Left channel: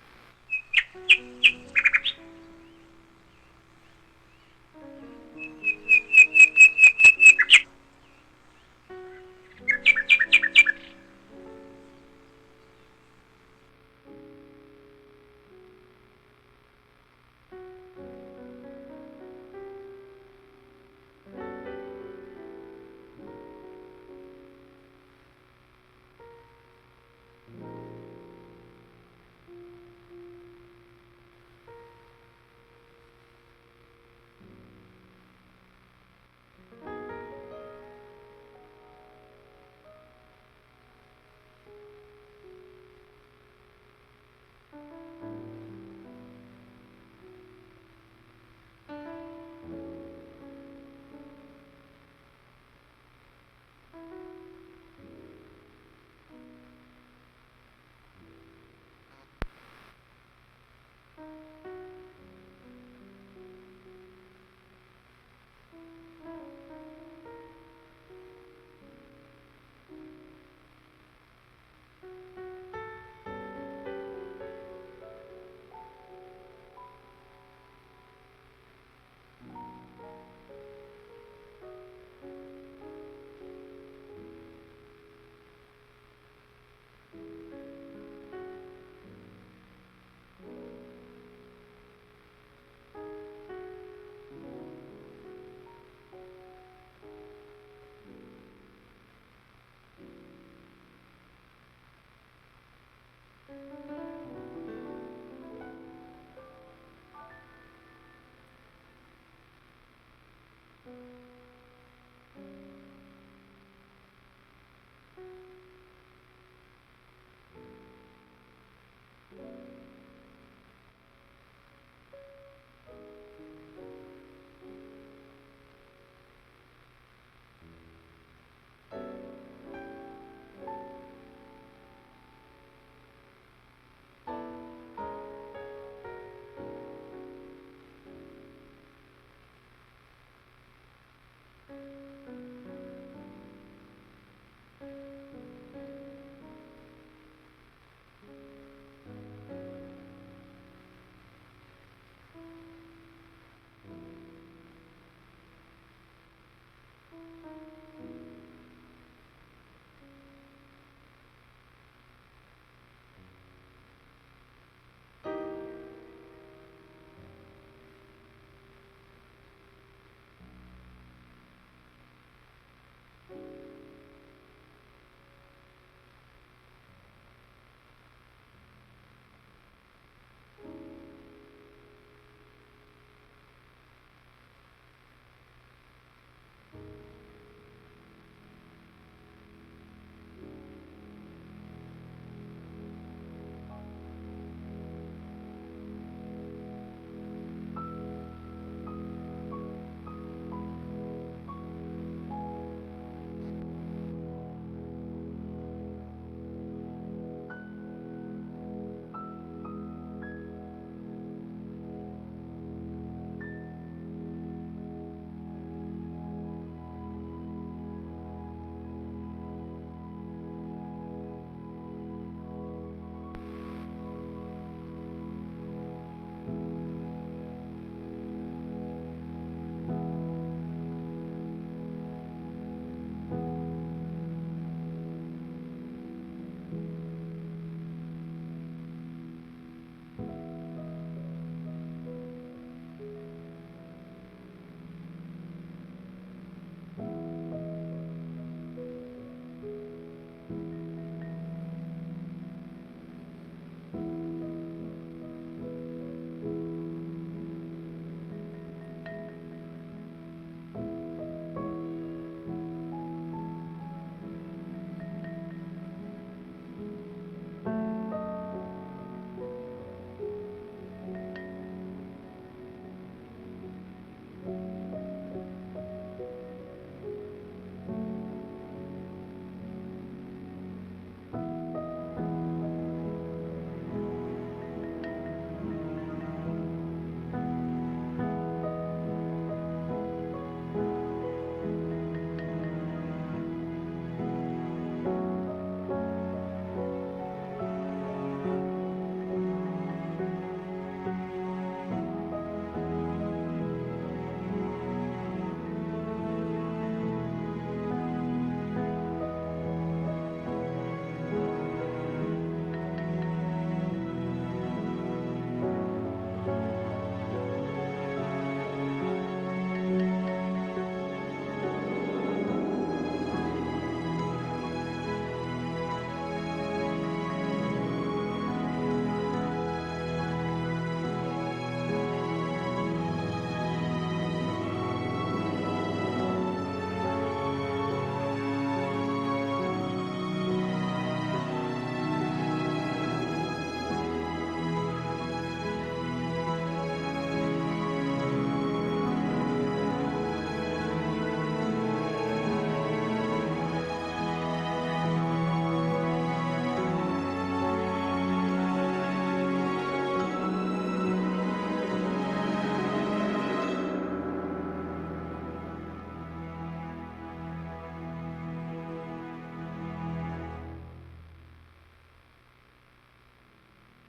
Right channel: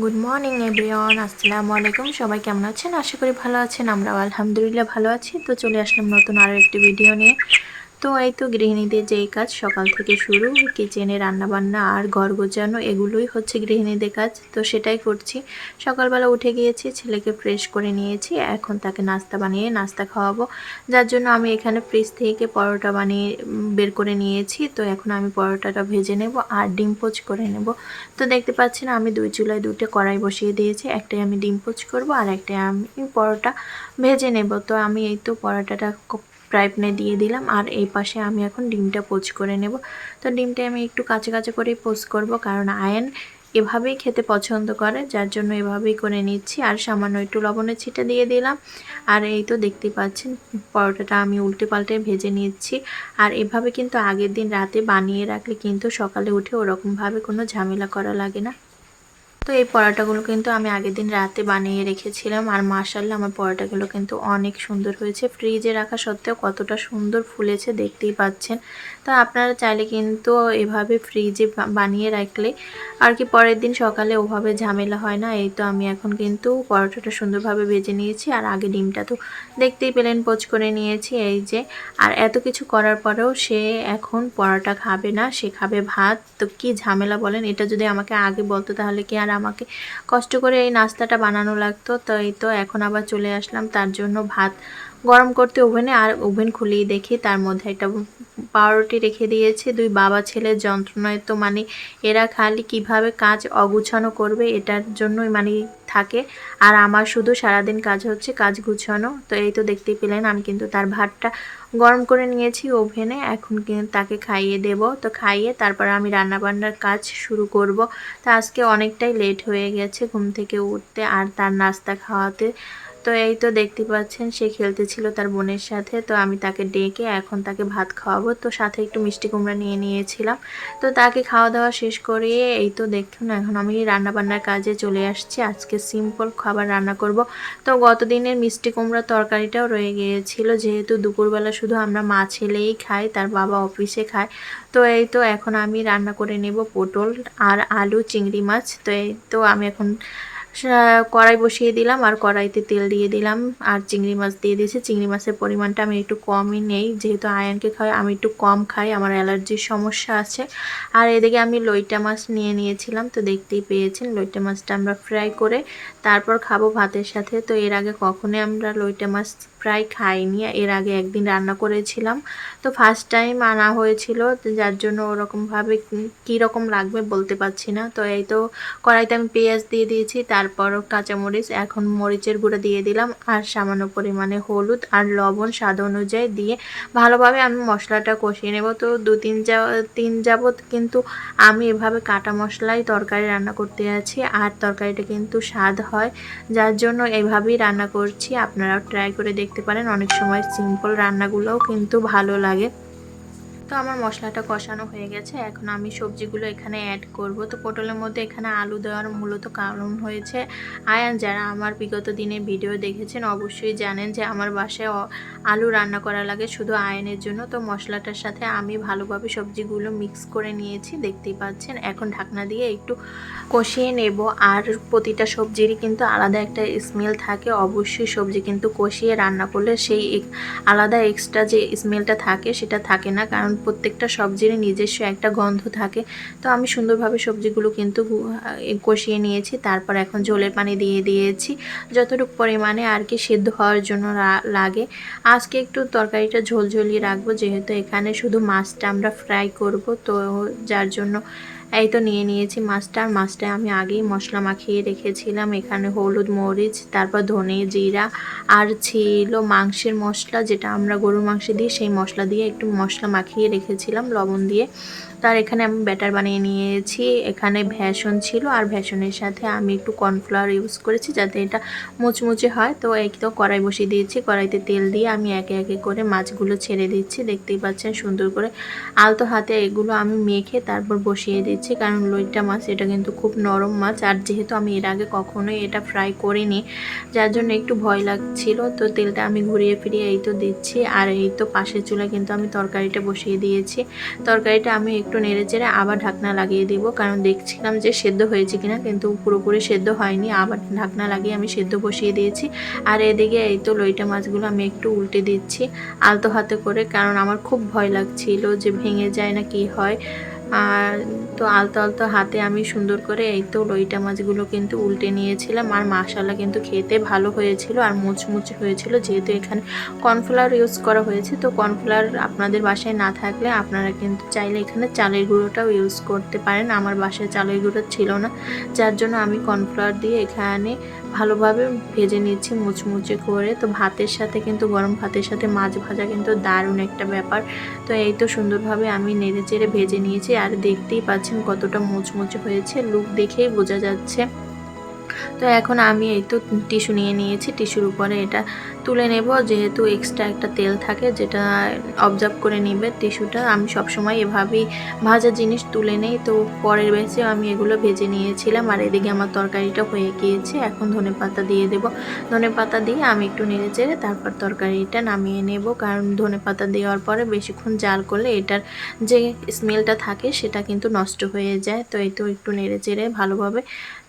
Good morning everyone, আসসালামু আলাইকুম। সবাই কেমন আছেন? আশা করি ভালো আছেন। আমরাও আলহামদুলিল্লাহ ভালো আছি। তো চলে আসলাম নতুন আরও একটি ভিডিও নিয়ে। তো এই তো গৃহিণীদের যেই কাজ সকাল থেকে শুরু, কিচেনে রান্নাবান্না আর ঘর গোছানো, এগুলোই হচ্ছে গৃহিণীদের কাজ। তো সেটাই করছি। সকালবেলা উঠে গিয়েছি, ছেলেকে ফ্রেশ করে নিয়েছি, এখন তাকে নাস্তা বানিয়ে নাস্তা খাওয়াবো। যার জন্য আমি এখানে ফ্রিজ থেকে পরোটা বানিয়ে বের করে নিয়েছি। তো এখন আমি পরোটাটা ভেজে নেব আর ডিম পোচ করে নেব। তো দেখতে পাচ্ছেন আমি দুই চুলায় দুটো কড়াই বসিয়ে দিয়েছি। একটাই আমি ডিম পোচ করব আর একটাই আমি পরোটা ভেজে নেব। তো আমি এই তো পরোটাটা ফ্রাই প্যানে দিয়ে দিলাম আর এই পাশে আমি এখন ডিমটা পোচ করে নেব। তো ডিমটা আমি একটু কাঁচা কাঁচা করেই পোচ করব, কারণ আয়ন এভাবেই খেতে পছন্দ করে, যার জন্য এভাবেই করে নিচ্ছি। আর সামান্য একটু লবণের ছিটা দিয়ে দিলাম। আর এই তো দেখতেই পাচ্ছেন পরোটাটা আমি উল্টে পাল্টে ভেজে নিচ্ছি। আর এভাবে কিন্তু আগের দিন রাতে বানিয়ে রাখলে কিন্তু সকালে উঠে ওরকমভাবে কোনো ঝামেলা করা লাগে না। তো এই পরোটাগুলো কিন্তু আমি আগের দিন রাতে বানিয়ে রেখেছিলাম, আর মাশাআল্লাহ আমার পরোটাগুলো কিন্তু অনেক সুন্দর হয়েছে। ফ্রিজে রাখা সত্ত্বেও কতটা সুন্দর ফুলেছে দেখতেই পাচ্ছেন। তো আপনারা চাইলে কিন্তু এভাবে ফ্রিজে বানিয়ে রাখলে আর কি পরের দিন সকালে ওভাবে ঝামেলা হয় না। এই তো আমি এখন কিন্তু পরোটাটা সুন্দরভাবে ভেজে নিয়েছি, আর আগে ডিমটা তো দেখতেই পেলেন পোচ করে নিয়েছি এই যে। আর এত কিছু করার পরেও সে এখন পরোটা খাবে না, সে খাবে ভাত। তো কি ঝামেলা বলেন, এটা যদি আমাকে আগে বলতো তাহলে কি আর আমাকে কষ্ট করে এই নাস্তাটা বানানো লাগতো। তো এই তো এখন আবার চলে আসলাম তার জন্য ভাত গরম করতে ওভেনে। আর ওভেন খুলেই দেখি তার মধ্যে একটা পাউরুটি রেখে দিয়েছে। দুই বাবা ছেলের যন্ত্রণায় তো মানে এরা খালি কিভাবে কাজ অগুছানো করবে এটার জন্যই মানে থাকে। আর আমার শুধু সারাদিন কাজ হচ্ছে কাজ গুছানো। তো এই তো দেখতেই পেলেন আমি কিন্তু তার ভাতটা গরম করে নিয়েছি ওভেনে। এখন কিন্তু তাকে খাইয়ে দেব। তো খাইয়ে তারপর আমি রান্নাবান্নার কাজ শুরু করব। তো আজকে অনেকটাই লেট হয়ে গেছে ঘুম থেকে উঠতে আর তার নাস্তা খাওয়াতে। তো এই তো দেখতে পাচ্ছেন সে খেলতেছিল তার বোনের সাথে। তো আমি তাকে ডেকে এখন তাকে ভাত খাওয়াবো। তো সাথে একটু মিষ্টি কুমড়া নিয়ে নিয়েছিলাম। তো তাকে খাওয়া দাওয়া শেষ করিয়ে এই তো দেখুন এখন আমি রান্নাবান্নার কাজে চলে আসছি। আজকে সিম্পল খাবার রান্না করব। তো গতদিনের মিষ্টি কুমড়ার তরকারিটাও রয়ে গিয়েছিল, যেহেতু দুপুরবেলা শুধু আমরা মা ছেলেই খাই, তার বাবা অফিসে খায়। তো এই তো এখন আমি রান্না করে নেব পটল আর আলু চিংড়ি মাছ। তো এই তো আমি এখন কড়াই বসিয়ে দিলাম আর কড়াইতে তেল দিয়ে দিলাম আর চিংড়ি মাছ দিয়ে দিয়েছি। চিংড়ি মাছের পরিমাণটা আমি একটু কমই নেই, যেহেতু আয়নকে খাই আমি একটু কম খাই, আমার অ্যালার্জির সমস্যা আছে। আর এদিকে আমি লইটা মাছ নিয়ে নিয়েছিলাম। তো দেখতেই পেয়েছেন লইটা মাছটা আমরা ফ্রাই করে তারপর খাবো ভাতের সাথে। তো এর আগে কখনোই আমরা লইটা মাছ ফ্রাই খাইনি, এর আগে একদিন রান্না করেছিলাম। তো ফার্স্ট টাইম আনা হয়েছিল, যার জন্য ওরকমভাবে কীরকম লাগবে বলতে পারছি না। তো এই তো কড়াইতে আমি পেঁয়াজ দিয়ে দিয়েছি, তারপরও কাঁচামরিচ, এখন মরিচের গুঁড়ো দিয়ে দিলাম আর সামান্য পরিমাণে হলুদ আর লবণ স্বাদ অনুযায়ী দিয়ে ভালোভাবে আমি মশলাটা কষিয়ে নেব। তো তিন যাবত কিন্তু আমি এভাবে কাটা মশলাই তরকারি রান্না করতে আছি, আর তরকারিটা কিন্তু স্বাদ হয়, যার জন্য এভাবেই রান্না করছি। আপনারাও ট্রাই করে দেখতে পারেন, অনেক সময় সিম্পল রান্নাগুলোও কিন্তু ভালো লাগে। তো আমার মশলাটা কষানো হয়ে গেছে, এখন আমি সবজিগুলো এখানে অ্যাড করব। তো পটলের মধ্যে এখানে আলু দেওয়ার মূলত কারণ হয়েছে আয়ান, যারা আমার বিগত দিনের ভিডিও দেখেছেন অবশ্যই জানেন যে আমার বাসায় আলু রান্না করা লাগে শুধু আয়নের জন্য। তো মশলাটার সাথে আমি ভালোভাবে সবজিগুলো মিক্স করে নিয়েছি, দেখতেই পাচ্ছেন। এখন ঢাকনা দিয়ে একটু কষিয়ে নেব। আর প্রতিটা সবজিরই কিন্তু আলাদা একটা স্মেল থাকে, অবশ্যই সবজি কিন্তু কষিয়ে রান্না করলে সেই আলাদা এক্সট্রা যে স্মেলটা থাকে সেটা থাকে না, কারণ প্রত্যেকটা সবজিরই নিজস্ব একটা গন্ধ থাকে। তো আমি সুন্দরভাবে সবজিগুলো কিন্তু কষিয়ে নিয়েছি, তারপর এখন ঝোলের পানি দিয়ে দিয়েছি যতটুকু পরিমাণে আর কি সিদ্ধ হওয়ার জন্য লাগে। আজকে একটু তরকারিটা ঝোলঝোলিয়ে রাখবো, যেহেতু এখানে শুধু মাছটা আমরা ফ্রাই করব। তো যার জন্য এই তো নিয়ে নিয়েছি মাছটা। আর মাছটা আমি আগেই মশলা মাখিয়ে রেখেছিলাম, এখানে হলুদ মরিচ তারপর ধনে জিরা আর ছিল মাংসের মশলা, যেটা আমরা গরুর মাংসে দিই সেই মশলা দিয়ে একটু মশলা মাখিয়ে রেখেছিলাম লবণ দিয়ে। তার এখানে আমি ব্যাটার বানিয়ে নিয়েছি, এখানে ভেষন ছিল আর ভেষনের সাথে আমি একটু কর্নফ্লাওয়ার ইউজ করেছি যাতে এটা মুচমুচে হয়। তো এই তো কড়াই বসিয়ে দিয়েছি, কড়াইতে তেল দিয়ে আমি একে একে করে মাছগুলো ছেড়ে দিচ্ছি, দেখতেই পাচ্ছেন সুন্দর করে আলতো হাতে এগুলো আমি মেখে তারপর বসিয়ে দিচ্ছি। নিয়েছি, কারণ লইটা মাছ এটা কিন্তু খুব নরম মাছ, আর যেহেতু আমি এর আগে কখনোই এটা ফ্রাই করিনি যার জন্য একটু ভয় লাগছিল। তো তেলটা আমি ঘুরিয়ে ফিরিয়ে এই তো দিচ্ছি, আর এই তো পাশের চুলায় কিন্তু আমি তরকারিটা বসিয়ে দিয়েছি। তরকারিটা আমি একটু নেড়েচেড়ে আবার ঢাকনা লাগিয়ে দিব, কারণ দেখছিলাম যে সেদ্ধ হয়েছে কিনা, কিন্তু পুরোপুরি সেদ্ধ হয়নি। আবার ঢাকনা লাগিয়ে আমি সেদ্ধ বসিয়ে দিয়েছি। আর এদিকে এই তো লইটা মাছগুলো আমি একটু উল্টে দিচ্ছি আলতো হাতে করে, কারণ আমার খুব ভয় লাগছিল যে ভেঙে যায় না কি হয়। আর তো আলতো আলতো হাতে আমি সুন্দর করে এই তো লইটা মাছগুলো কিন্তু উল্টে নিয়েছিলাম। আর মাশাআল্লাহ কিন্তু খেতে ভালো হয়েছিল আর মুচমুচে হয়েছিল, যেহেতু এখানে কর্নফ্লাওয়ার ইউজ করা হয়েছে। তো কর্নফ্লাওয়ার আপনাদের বাসায় না থাকলে আপনারা কিন্তু চাইলে এখানে চালের গুঁড়োটাও ইউজ করতে পারেন। আমার বাসায় চালের গুঁড়ো ছিল না, যার জন্য আমি কর্নফ্লাওয়ার দিয়ে এখানে ভালোভাবে ভেজে নিচ্ছি মুচমুচে করে। তো ভাতের সাথে কিন্তু গরম ভাতের সাথে মাছ ভাজা কিন্তু দারুণ একটা ব্যাপার। তো এই তো সুন্দরভাবে আমি নেড়ে চেড়ে ভেজে নিয়েছি, আর দেখতেই পাচ্ছেন কতটা মুচমুচে হয়েছে, লুক দেখেই বোঝা যাচ্ছে। তো এখন আমি এই তো টিস্যু নিয়ে নিয়েছি, টিস্যুর উপরে এটা তুলে নেব, যেহেতু এক্সট্রা একটা তেল থাকে যেটা অবজার্ভ করে নেবে টিস্যুটা। আমি সবসময় এভাবেই ভাজা জিনিস তুলে নেই। তো পরের ব্যাচে আমি এগুলো ভেজে নিয়েছিলাম, আর এদিকে আমার তরকারিটা হয়ে গিয়েছে। এখন ধনেপাতা দিয়ে দেব, ধনেপাতা দিয়ে আমি একটু নেড়ে চেড়ে তারপর তরকারিটা নামিয়ে নেব, কারণ ধনেপাতা দেওয়ার পরে বেশিক্ষণ জাল করলে এটার যে স্মেলটা থাকে সেটা কিন্তু নষ্ট হয়ে যায়। তো এই তো একটু নেড়ে চেড়ে ভালোভাবে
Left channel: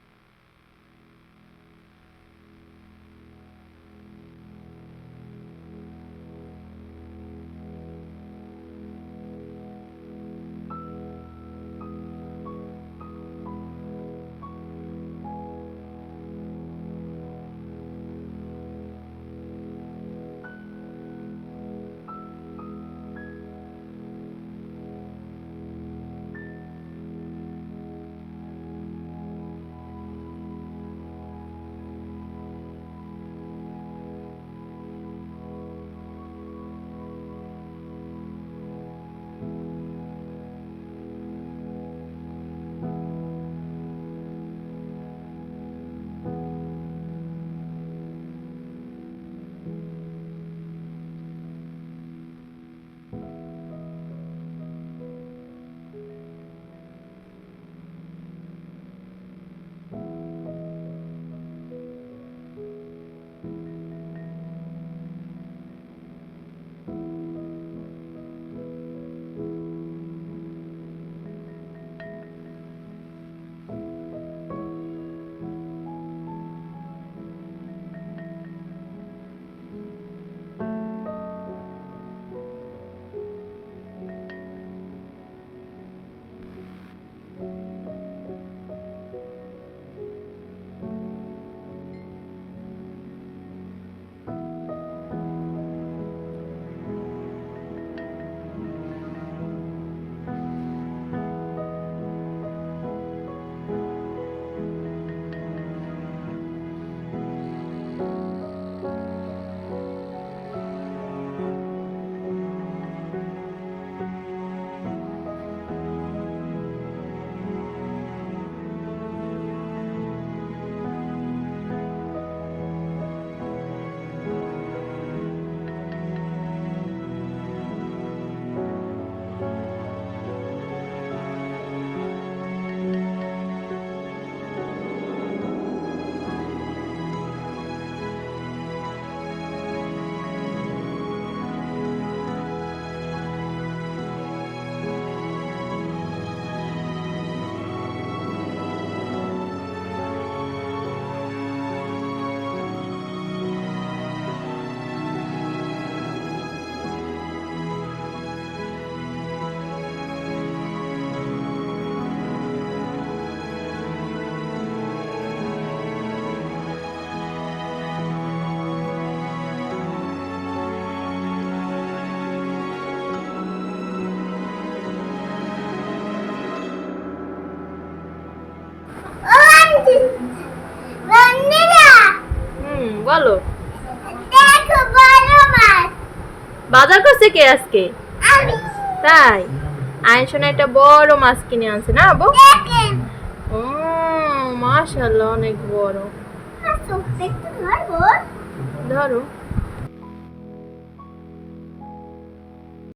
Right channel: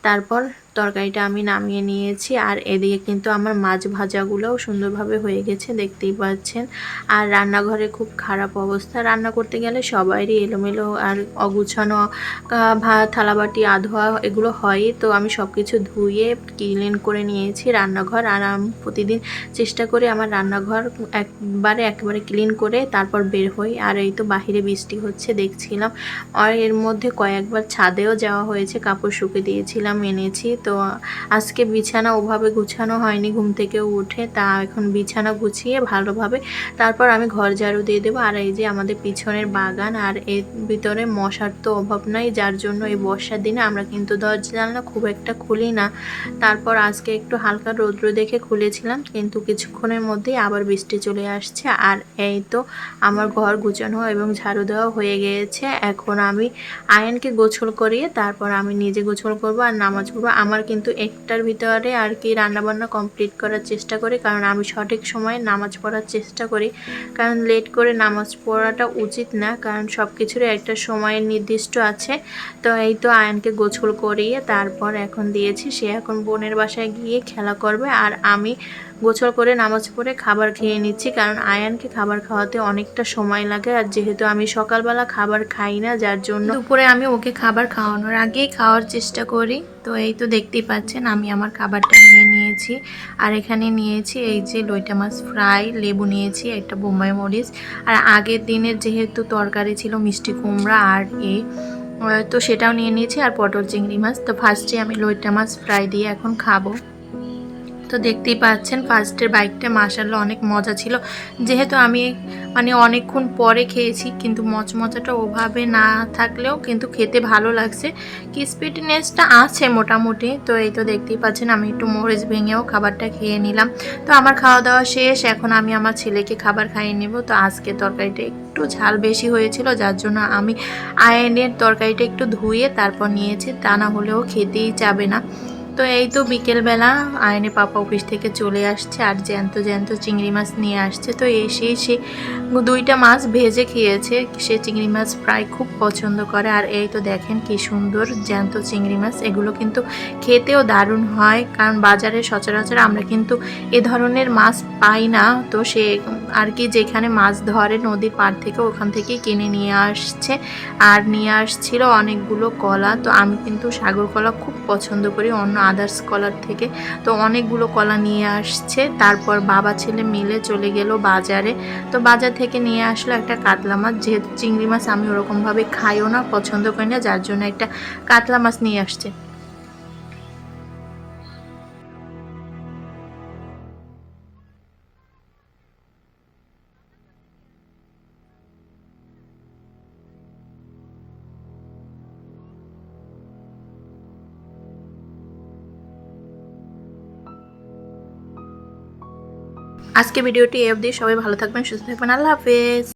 তারপর তরকারিটা আমি নামিয়ে নিয়েছি। আর এদিকে কিন্তু আমার মাছ ভাজাগুলোও সুন্দরভাবে হয়ে গেছে, দেখতেই পাচ্ছেন। আর রান্নাঘরে খুব খারাপ অবস্থা, রান্না করতে গেলে সবারই এলোমেলো আর অগুছানো ভাত থালাবাটি আধোয়া এগুলো হয়। তো আমি সব কিছু ধুয়ে ক্লিন করে নিয়েছি রান্নাঘর, আর আমি প্রতিদিন চেষ্টা করি আমার রান্নাঘর একেবারে ক্লিন করে তারপর বের হই। আর এই তো বাহিরে বৃষ্টি হচ্ছে দেখছিলাম, আর এর মধ্যে কয়েকবার ছাদেও যাওয়া হয়েছে, কাপড় শুকে দিয়েছিলাম এনেছি। তো আজকে বিছানা ওভাবে গুছানো হয়নি ঘুম থেকে উঠে, তা এখন বিছানা গুছিয়ে ভালোভাবে তারপর আমি ঘর ঝাড়ু দিয়ে দেবো। আর এই যে আমাদের পিছনের বাগান, আর এর ভিতরে মশার তো অভাব নাই, যার জন্য এই বর্ষার দিনে আমরা কিন্তু দরজা জানলা খুব একটা খুলি না। তারপর আজকে একটু হালকা রৌদ্র দেখে খুলেছিলাম, কিন্তু কিছুক্ষণের মধ্যেই আবার বৃষ্টি চলে আসছে। আর এই তো আমার ঘর গুছানো এবং ঝাড়ু দেওয়া হয়ে গিয়েছে। এখন আমি আয়নকে গোসল করিয়ে তারপর আমি নিজে গোসল করব আর নামাজ পড়বো। আমার কিন্তু একটার ভিতরে আর কি রান্নাবান্না কমপ্লিট করার চেষ্টা করি, কারণ আমি সঠিক সময়ে নামাজ পড়ার চেষ্টা করি, কারণ লেট করে নামাজ পড়াটা উচিত না, কারণ সব কিছুরই একটা সময়ের নির্দিষ্ট আছে। তো এই তো আয়নকে গোসল করিয়ে তারপর এখন দিয়েছি, সে এখন বোনের বাসায় গিয়ে খেলা করবে, আর আমি গোসল করে নামাজ পড়ে খাবার খেয়ে নিচ্ছি, কারণ আয়ানকে খাবার খাওয়াতে অনেকটা সময় লাগে। আর যেহেতু আমি সকালবেলা খাবার খাই না, যার জন্য দুপুরে আমি ওকে খাবার খাওয়ানোর আগেই খাওয়ার চেষ্টা করি। তো এই তো দেখতেই পাচ্ছেন আমি আমার খাবারটা নিয়ে নিয়েছি, আর এখানে নিয়েছি এই যে লইটা মাছ ফ্রাই, লেবু নিয়েছি, একটা বোম্বাই মরিচ, আর আগের দিনের যেহেতু তরকারি ছিল মিষ্টি কুমড়া আর তো সেটাও নিয়ে নিয়েছি, আর পটল চিংড়ি মাছ। তো ফার্স্টে আমি লইটা মাছ ফ্রাই দিয়ে এখন খাবো। তো দেখতেই পাচ্ছেন ফার্স্টের বাইকটা মাশাআল্লাহ অনেক মজা ছিল, যেহেতু আমি মানে অনেকক্ষণ পরে খেয়েছি, কিন্তু মচমচাটা ওভাবে না থাকলেও কিন্তু খেতে ভালো লাগছে, ক্রিসপিনেসটা আছে মোটামুটি। তো এই তো দেখতেই পাচ্ছেন আমি একটু মরিচ ভেঙেও খাবারটা খেয়ে নিলাম। তো আমার খাওয়া দাওয়া শেষ, এখন আমি আমার ছেলেকে খাবার খাইয়ে নেব। তো আজকে তরকারিটা একটু ঝাল বেশি হয়েছিল, যার জন্য আমি আয়নের তরকারিটা একটু ধুয়ে তারপর নিয়েছি, তা না হলেও খেতেই যাবে না। তো এই তো বিকেলবেলা আয়নের পাপা অফিস থেকে চলে আসছে, আর জ্যান্ত জ্যান্ত চিংড়ি মাছ নিয়ে আসছে। তো এসে সে দুইটা মাছ ভেজে খেয়েছে, সে চিংড়ি মাছ প্রায় খুব পছন্দ করে। আর এই তো দেখেন কি সুন্দর জ্যান্ত চিংড়ি মাছ, এগুলো কিন্তু খেতেও দারুণ হয়, কারণ বাজারে সচরাচর আমরা কিন্তু এ ধরনের মাছ পাই না। তো সে আর কি যেখানে মাছ ধরে নদীর পাড় থেকে ওখান থেকেই কিনে নিয়ে আসছে, আর নিয়ে আসছিল অনেকগুলো কলা। তো আমি কিন্তু সাগর কলা খুব পছন্দ করি অন্য আদার্স কলার থেকে, তো অনেকগুলো কলা নিয়ে আসছে। তারপর বাবা ছেলে মিলে চলে গেল বাজারে, তো বাজার থেকে নিয়ে আসলো একটা কাতলা মাছ, যেহেতু চিংড়ি মাছ আমি ওরকমভাবে খাইও না, পছন্দ করি না, যার জন্য একটা কাতলা মাছ নিয়ে আসছে। বলো, বাজার করছে কে আজকে? তাই আয়ন শোনা একটা বড় মাছ কিনে আনছে না আবু? মাশাআল্লাহ অনেক বড়। ধরো। আজকে ভিডিওটি এই অবধি, সবাই ভালো থাকবেন, সুস্থ থাকবেন, আল্লাহ হাফেজ।